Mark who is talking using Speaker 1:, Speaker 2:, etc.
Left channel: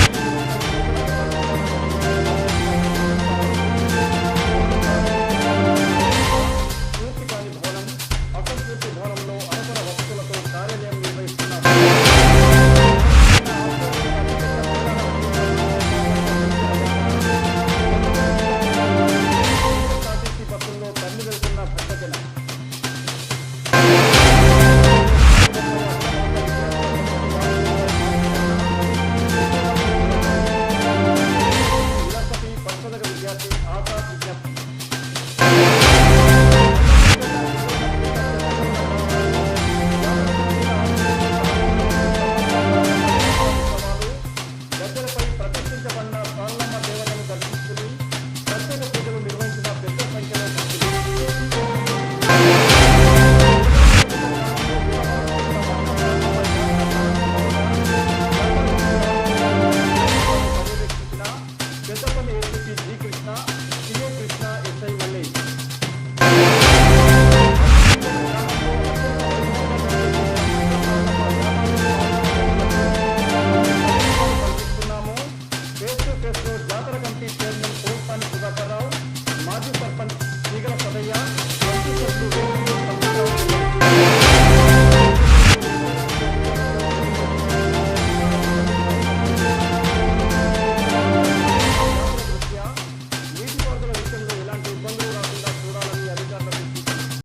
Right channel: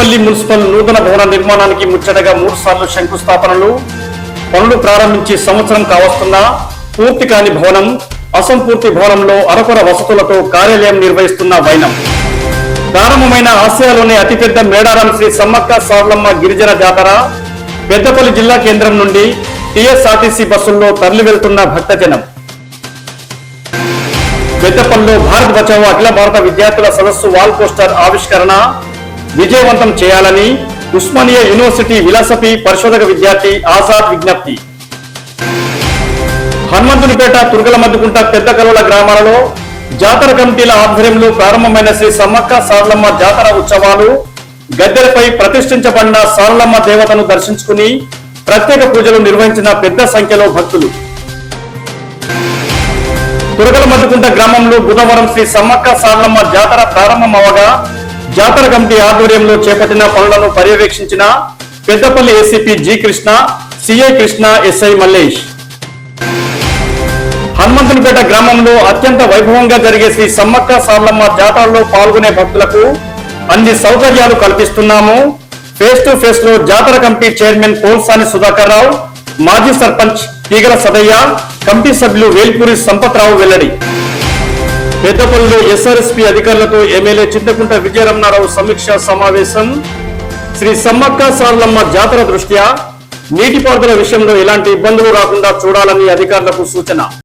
Speaker 1: Peddapalli municipal నూతన భవన నిర్మాణానికి ముచ్చటగా మూడు సార్లు శంకుస్థాపనలు. పనులు ప్రారంభించి సంవత్సరం కావస్తున్నా పూర్తి కాని భవనం అసంపూర్తి భవనంలో అరకొర వసతులతో కార్యాలయం నిర్వహిస్తున్న వైనం. ప్రారంభమైన ఆసియాలోనే అతిపెద్ద మేడారం శ్రీ సమ్మక్క సార్లమ్మ గిరిజన జాతర పెద్దపల్లి జిల్లా కేంద్రం నుండి టీఎస్ఆర్టీసీ బస్సుల్లో తరలి వెళ్తున్న భక్తజనం. పెద్దపల్లిలో భారత్ బచావో అఖిల భారత విద్యార్థుల సదస్సు వాల్ పోస్టర్ ఆవిష్కరణ విజయవంతం చేయాలని ఉస్మానియా యూనివర్సిటీ విలాసపి పరిశోధక విద్యార్థి ఆజాద్ విజ్ఞప్తి. హనుమంతునిపేట తుర్గల మద్దుకుంట పెద్ద కలువల గ్రామాలలో జాతర కమిటీల ఆధ్వర్యంలో ప్రారంభమైన శ్రీ సమ్మక్క సారలమ్మ జాతర ఉత్సవాలు గద్దెలపై ప్రతిష్ఠించబడిన సారలమ్మ దేవతను దర్శించుకుని ప్రత్యేక పూజలు నిర్వహించిన పెద్ద సంఖ్యలో భక్తులు. తురగల మద్దుకుంట గ్రామంలో బుధవారం శ్రీ సమ్మక్క సారలమ్మ జాతర ప్రారంభమవగా జాతర కమిటీ ఆధ్వర్యంలో చేపట్టిన పనులను పర్యవేక్షించిన Peddapalli ACP G Krishna CI Krishna SI Mallesh. Hanumanthunipeta గ్రామంలో అత్యంత వైభవంగా జరిగే శ్రీ సమ్మక్క సార్లమ్మ జాతరలో పాల్గొనే భక్తులకు అన్ని సౌకర్యాలు కల్పిస్తున్నాము. ఫేస్ టు ఫేస్లో జాతర కమిటీ చైర్మన్ పోల్సాని సుధాకర్ రావు మాజీ సర్పంచ్ తీగల సదయ్య కమిటీ సభ్యులు వేల్పూరి సంపత్రావు వెల్లడి. పెద్దపల్లి ఎస్ఆర్ఎస్పీ అధికారులతో ఎమ్మెల్యే చింతకుంట విజయరమణారావు సమీక్ష సమావేశం. శ్రీ సమ్మక్క సార్లమ్మ జాతర దృష్ట్యా నీటిపారుదల విషయంలో ఎలాంటి ఇబ్బందులు రాకుండా చూడాలని అధికారులకు సూచన.